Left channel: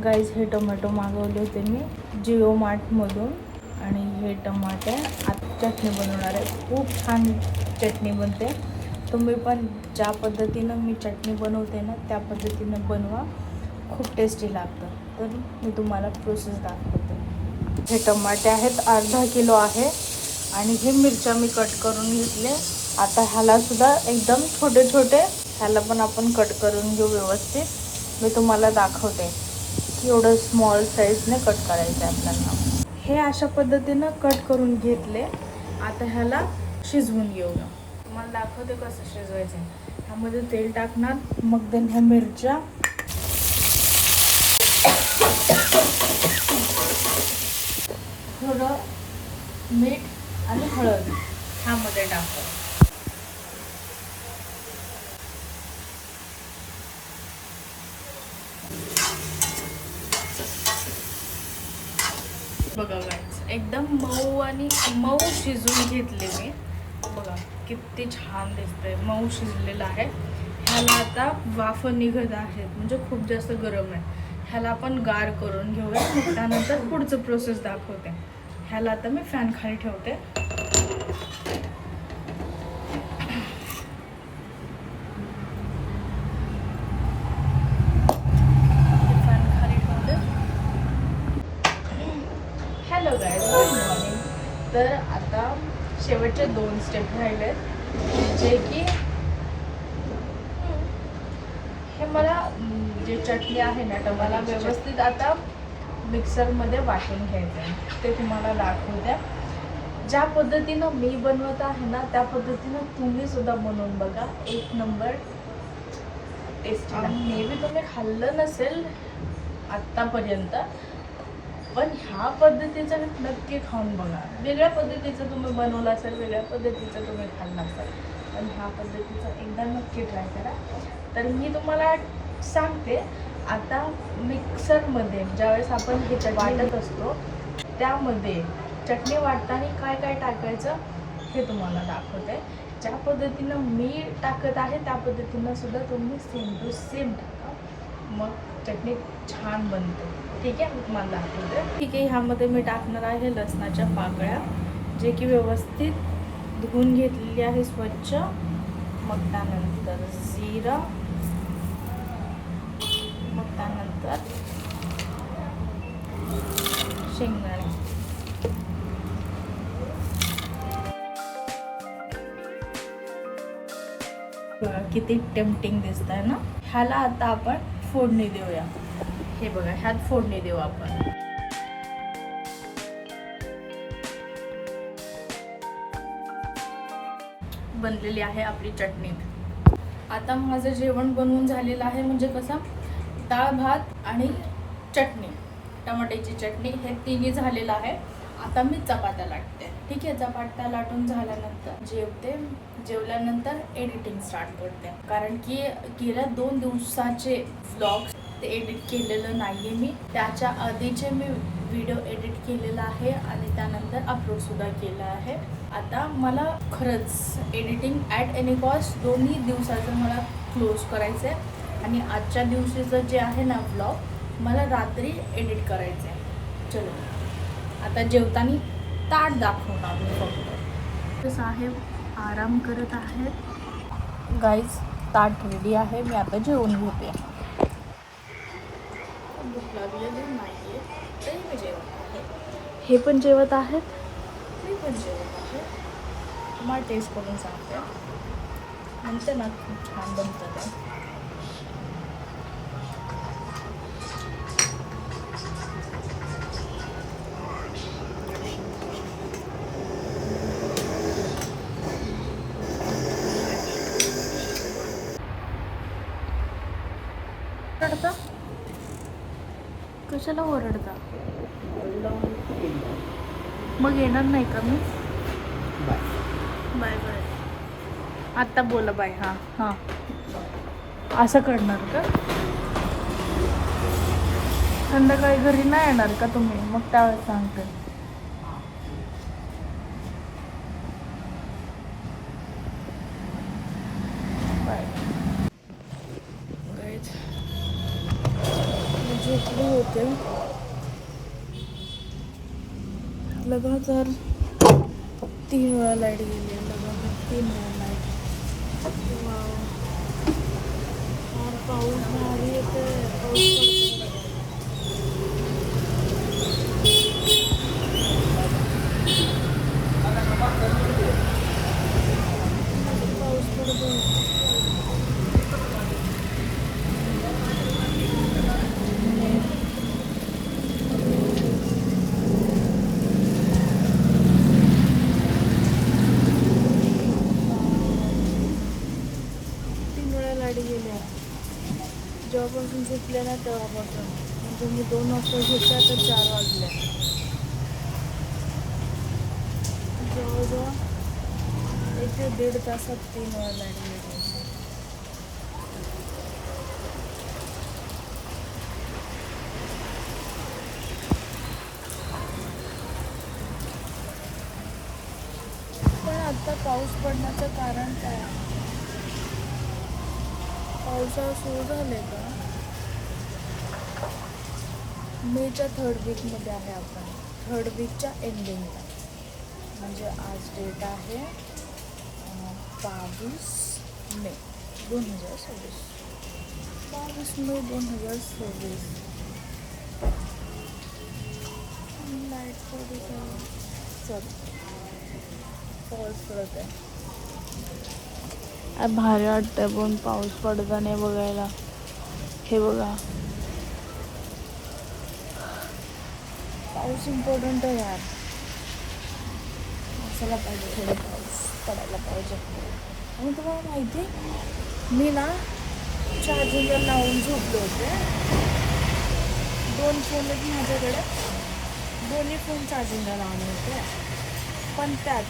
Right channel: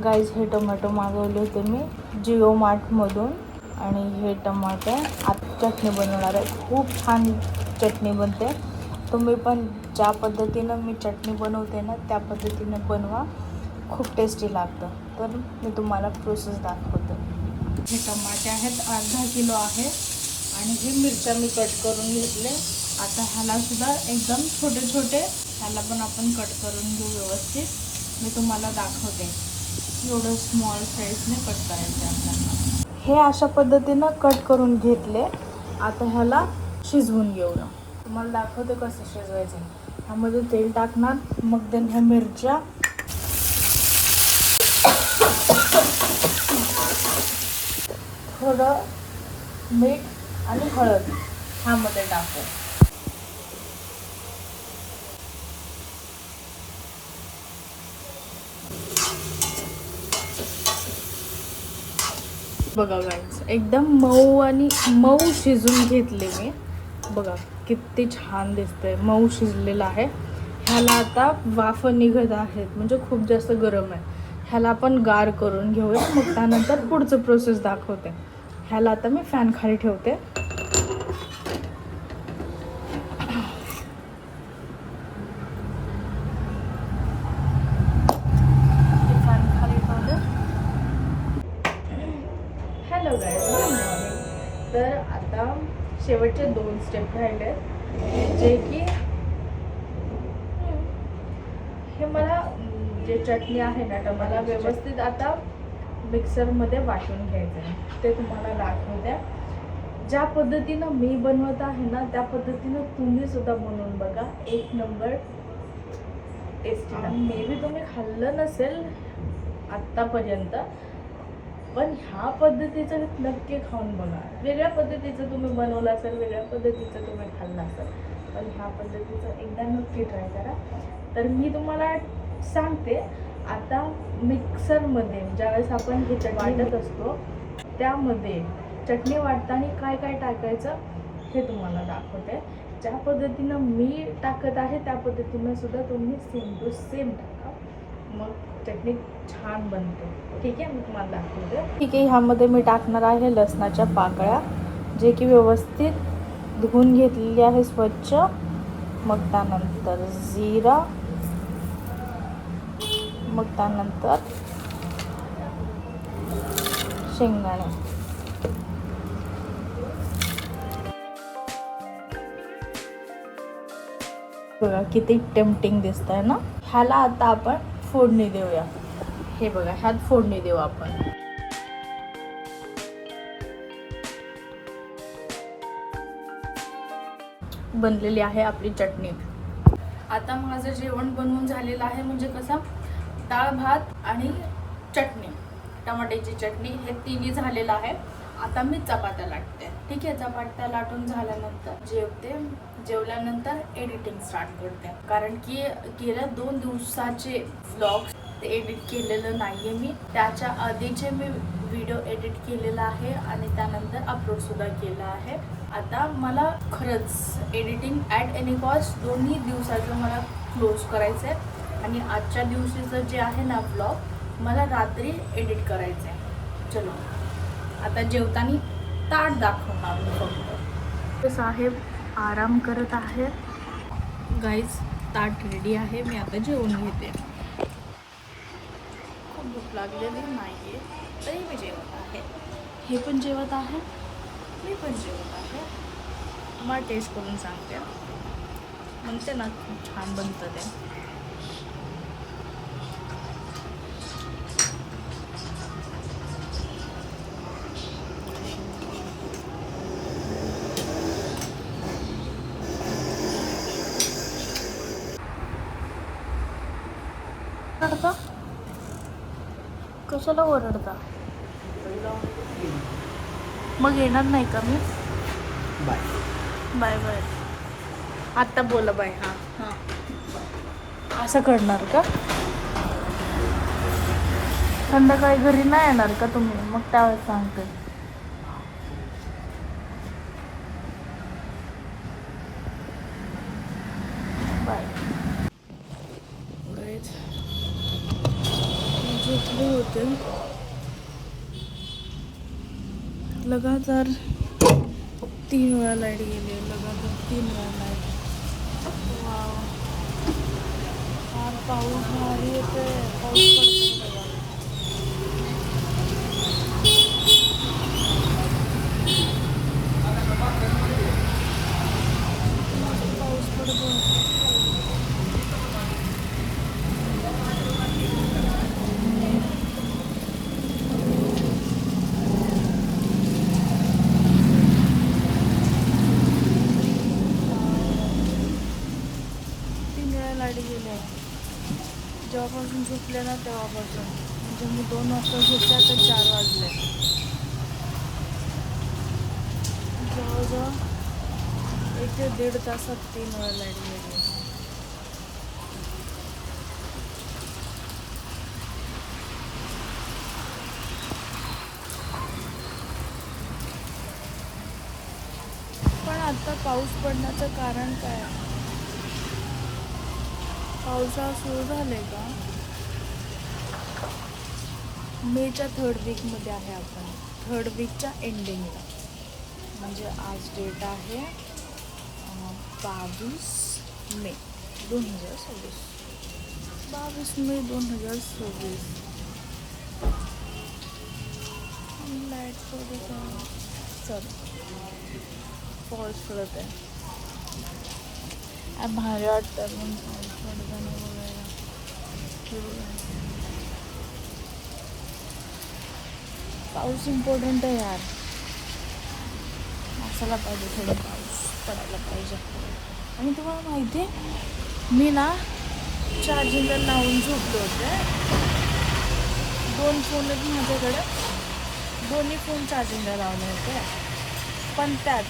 Guys हे tomato मागवले होते मी जिओ मार्टमधून आणि हे टमाटे आता चटणी बनवणार आहे. खूप छान चटणी बनते. तुम्ही पण ज्या पद्धतीनं मी चटणी बनवते ना त्या पद्धतीनं बनवा, खूप टेस्टी लागतं. तर मी तुम्हाला प्रोसेस दाखवते. हे टमाटे आहेत, अर्धा किलो आहे आणि हे मिरच्या मी कट करून घेतले. आता ह्याला सुद्धा एकदम छोटे छोटे ह्याला पण आपण कट करून घेऊ व्यवस्थित. मी तुम्हाला दाखवते. एवढं स्मॉल साईजने कट करायचं आहे आपल्याला. हे अशा पद्धतीनं कट करून घेतले. आता ह्याला शिजवून घेऊया. तुम्हाला दाखवते कसं शिजवायचं. ह्यामध्ये तेल टाकणार, मग देन ह्या मिरच्या, थोडं मीठ आणि हळद ह्यामध्ये टाकतो. बघा गाईस, एकदम मऊ आणि मऊ शिजवून घेतले मी. बघा किती छान दिसतंय, मऊ शिजलेलं आहे. ह्याला आता वाफ निघत आहेत, म्हणजे खूप जास्त गरम आहे. ह्याला आपण गार करून घेऊया, मग त्यानंतर पुढचं प्रोसेस दाखवते. ह्याला आता मी फॅन खाली ठेवते. Hello guys, good morning. तर आता शेवटचे 2 स्टेप राहिले, जे की हे मला जे चटणी आहे ना टमाटा व्यवस्थित आता मिक्सरमध्ये वाटून घ्यायचं आहे. ते तुम्हाला दाखवत्या. ज्या पद्धतीनं मी बनवत आहे ना त्या पद्धतीनं तुम्ही सुद्धा बनवून बघा. एक नंबर टेस्टी. मे बी तुम्ही खाल्लं नसेल आत्तापर्यंत, पण ह्या पद्धतीचं नक्की खाऊन बघा. वेगळ्या पद्धतीचं तुम्ही बनवलं असेल, वेगळ्या पद्धतीचं तुम्ही खाल्लं असेल, पण ह्या पद्धतीचं एकदा नक्की ट्राय करा. तर मी तुम्हाला सांगते, आता मिक्सरमध्ये ज्यावेळेस आपण हे चटणी वाटत असतो त्यामध्ये चटणी वाटताना काय काय टाकायचं हे तुम्हाला दाखवते. ज्या पद्धतीनं मी टाकत आहे त्या पद्धतीनं सुद्धा तुम्ही सेम टू सेम टाका, मग चटणी छान बनते. ठीक आहे, मी तुम्हाला दाखवते. ठीक आहे, ह्यामध्ये मी टाकणार आहे लसणाच्या पाकळ्या, जे की व्यवस्थित धुवून घेतलेली आहे स्वच्छ. मग त्यानंतर जिरा, मग त्यानंतर शेंगदाणे. बघा किती टेम्पटिंग दिसत आहे ना. ह्याला आता आपण फोडणी देऊया. हे बघा, ह्यात फोडणी देऊ आपण. बनलेली आहे आपली चटणी. आता माझं जेवण बनवून झालेलं आहे, म्हणजे कसं डाळ भात आणि चटणी, टमाट्याची चटणी, हे तिन्ही झालेलं आहे. आता मी चपात्या लाटते. ठीक आहे, चपात्या लाटून झाल्यानंतर जेवते. जेवल्यानंतर एडिटिंग स्टार्ट करते, कारण की गेल्या 2 दिवसाचे व्लॉग्स ते एडिट केलेलं नाही आहे मी. त्याच्या आधीचे मी व्हिडिओ एडिट केलेला आहे आणि त्यानंतर अपलोडसुद्धा केला आहे. आता मला खरंच एडिटिंग ॲट एनी कॉस्ट 2 दिवसाचं मला क्लोज करायचं आहे आणि आजच्या दिवशीचं जे आहे ना व्लॉग मला रात्री एडिट करायचं आहे. चलो आता जेवताना ताट दाखवणार मी फक्त. साहेब आराम करत आहे. गाईज, ताट रेडी आहे, मी आता जेवून घेते. भूक लागलेली नाही आहे तरी मी जेवत आहे. हे पण जेवत आहेत, मी पण जेवत आहे. तुम्हाला टेस्ट करून सांगते, म्हणते ना खूप छान बनतं ते. ओरडता कशाला ओरडता? मग येणार नाही का मी? Bye bye bye. आत्ता बोला बाय. हां हां, असं करणार का? संध्याकाळी घरी नाही येणार का तुम्ही? मग त्यावेळेस सांगते. बाय. बसले होते, लगातार 3 वेळा लाईट गेली, लगातार 3 वेळा लाईट. वाव, फार पाऊस भारी येतोय, पाऊस पडतोय बघा. पाऊस पडतोय. जेव्हापासून झोपले ना तेव्हापासून, म्हणजे मी 2 वाजता झोपले, आता 4 वाजले. जवळजवळ 1 ते 1.5 तासात 3 वेळा लाईट गेली. पण आता पाऊस पडण्याचं कारण काय? पावसाळा सुरू झाले का? मेच्या 3rd वीकमध्ये आहे आपण, 3rd वीकच्या एंडिंगला. म्हणजे आज डेट आहे 22 मे 2026. 22 मे 2026. लाईट सॉरी पाऊस पडत आहे. भारी वाटतंय पण पाऊस पडताना बघायला. हे बघा, पाऊस इम्पॉर्टंट आहे यार, असायला पाहिजे, थोडं पाऊस पडायला पाहिजे. आणि तुम्हाला माहिती आहे, मी ना चार्जिंगला लावून झोपले होते. 2 फोन आहेत माझ्याकडे, दोन्ही फोन चार्जिंगला लावले होते. पण त्यात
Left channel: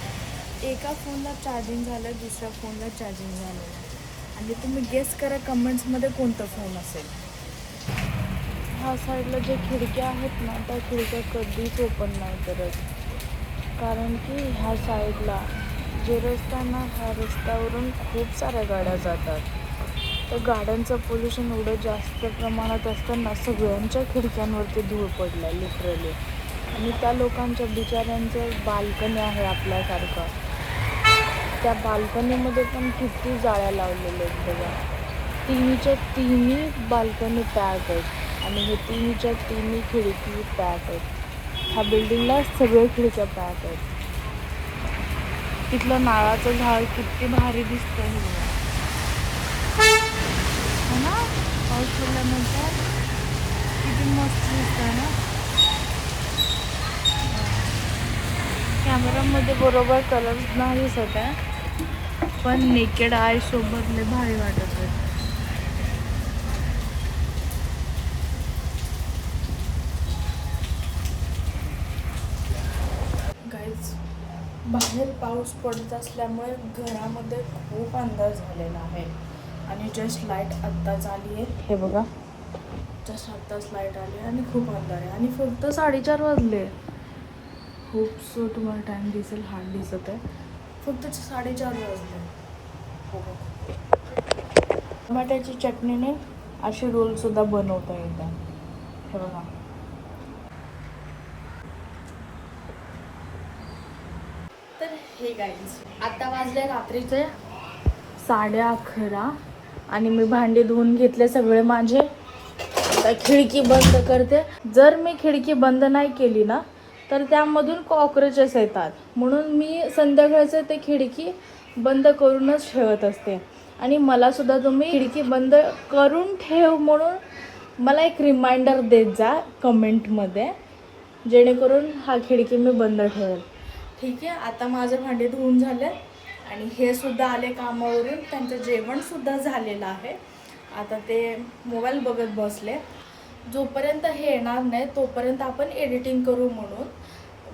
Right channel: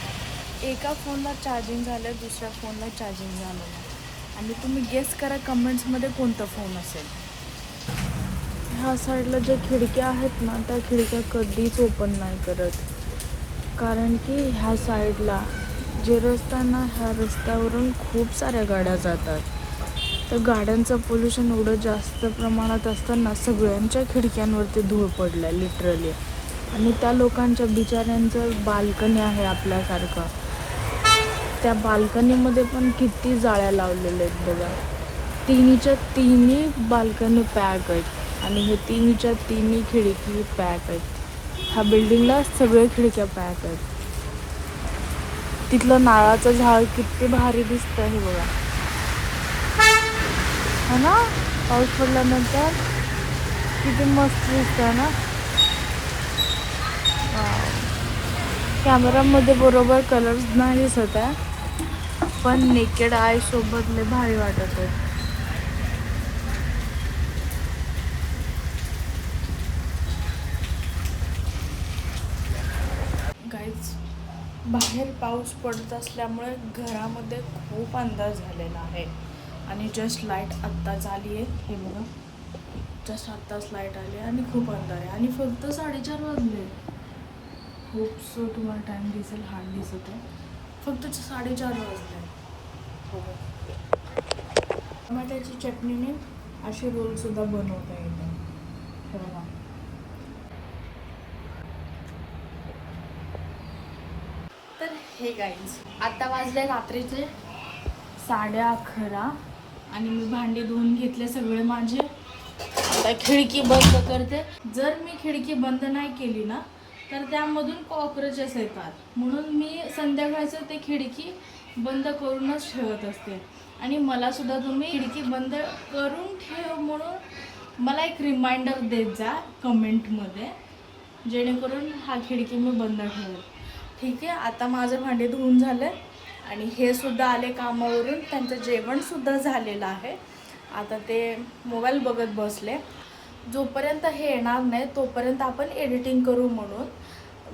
एका फोनला चार्जिंग झालं, दुसऱ्या फोनला चार्जिंग झालं नाही. आणि तुम्ही गेस करा कमेंट्समध्ये कोणता फोन असेल. ह्या साईडला ज्या खिडक्या आहेत ना, त्या खिडक्या कधीच ओपन नाही करत, कारण की ह्या साईडला जे रस्ता ना, ह्या रस्त्यावरून खूप साऱ्या गाड्या जातात. तर गाड्यांचं पोल्युशन एवढं जास्त प्रमाणात असताना सगळ्यांच्या खिडक्यांवरती धूळ पडलं लिटरली. आणि त्या लोकांच्या बिचाऱ्यांचं बाल्कनी आहे आपल्यासारखं, त्या बाल्कनीमध्ये पण किती जाळ्या लावलेल्या आहेत बघा. 3च्या 3 बाल्कनी पॅक आहेत आणि हे 3च्या 3 खिडकी पॅक आहेत. ह्या बिल्डिंगला सगळे खिडक्या पॅक आहेत. तिथलं नारळाचं झाड किती भारी दिसतं हे बघा, है ना? पाऊस पडल्यानंतर किती मस्त दिसतं ना. कॅमेरामध्ये बरोबर कलर्स नाही दिसत आहे, पण नेकेड आय सोबत लय भारी वाटत आहे. गाईज, बाहेर पाऊस पडत असल्यामुळे घरामध्ये खूप अंधार झालेला आहे. आणि जस्ट लाईट आत्ताच आली आहे, हे बघा, जस्ट आत्ताच लाईट आली आणि खूप अंधार आहे. आणि फक्त 4:30 वाजले. खूप सो तुम्हाला टाईम दिसेल, हार्ड दिसत आहे, फक्त 4:30 वाजले. हो, टमाट्याची चटणीने असे रोलसुद्धा बनवता येतात, हे बघा. तर हे गाईज, आता वाजले रात्रीचे 11:30 आणि मी भांडी धुवून घेतले सगळे माझे. आता खिडकी बंद करते. जर मी खिडकी बंद नाही केली ना, तर त्यामधून कॉकरोचेस येतात, म्हणून मी संध्याकाळचं ते खिडकी बंद करूनच ठेवत असते. आणि मलासुद्धा तुम्ही खिडकी बंद करून ठेव म्हणून मला एक रिमाइंडर देत जा कमेंटमध्ये, जेणेकरून हा खिडकी मी बंद ठेवेल. ठीक आहे. आता माझं भांडे धुवून झालं आणि हे सुद्धा आले कामावरून, त्यांचं जेवणसुद्धा झालेलं आहे. आता ते मोबाईल बघत बसले. जोपर्यंत हे येणार नाही तोपर्यंत आपण एडिटिंग करू म्हणून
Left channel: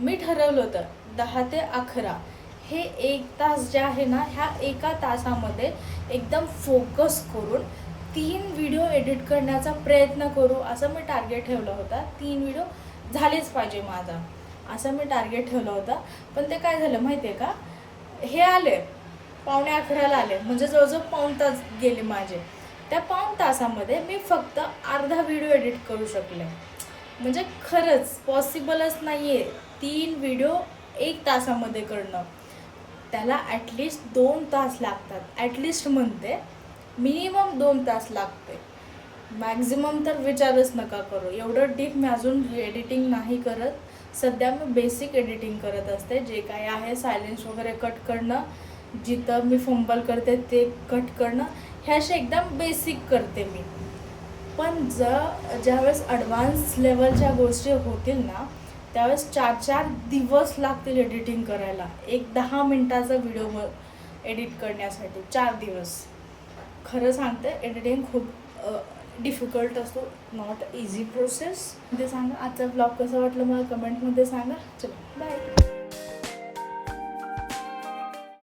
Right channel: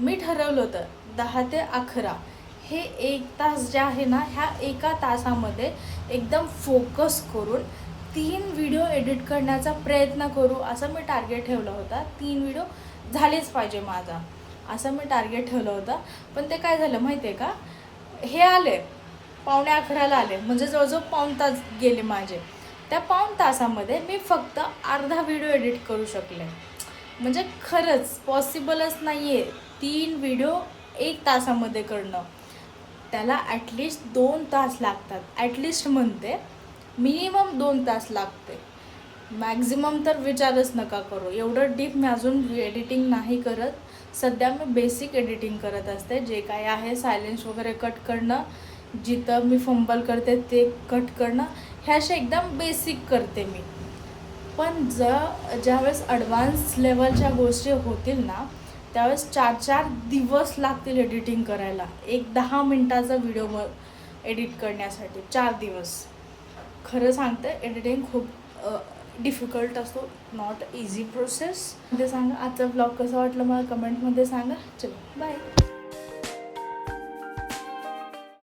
मी ठरवलं होतं 10 ते 11 हे 1 तास जे आहे ना, ह्या एका तासामध्ये एकदम फोकस करून 3 व्हिडिओ एडिट करण्याचा प्रयत्न करू, असं मी टार्गेट ठेवलं होता. 3 व्हिडिओ झालेच पाहिजे माझा, असं मी टार्गेट ठेवलं होतं. पण ते काय झालं माहिती आहे का, हे आले 11:15 आले, म्हणजे जवळजवळ पाऊण तास गेले माझे. त्या पाऊण तासामध्ये मी फक्त अर्धा व्हिडिओ एडिट करू शकले. म्हणजे खरंच पॉसिबलच नाही आहे 3 व्हिडिओ 1 तासामध्ये करणं. त्याला ॲटलिस्ट 2 तास लागतात. ॲटलिस्ट म्हणते, मिनिमम 2 तास लागते. मॅक्झिमम तर विचारच नका करू. एवढं डीप मी अजून एडिटिंग नाही करत. सध्या मी बेसिक एडिटिंग करत असते. जे काय आहे सायलेन्स वगैरे कट करणं, जिथं मी फंबल करते ते कट करणं, ह्या अशा एकदम बेसिक करते मी. पण ज्यावेळेस ॲडव्हान्स लेवलच्या गोष्टी होतील ना, त्यावेळेस 4-4 दिवस लागतील एडिटिंग करायला. एक 10 मिनटाचा व्हिडिओ एडिट करण्यासाठी 4 दिवस. खरं सांगते, एडिटिंग खूप डिफिकल्ट असतो, नॉट इझी प्रोसेस. ते सांगा आजचा ब्लॉग कसा वाटलं मला कमेंटमध्ये सांगा. चलो बाय.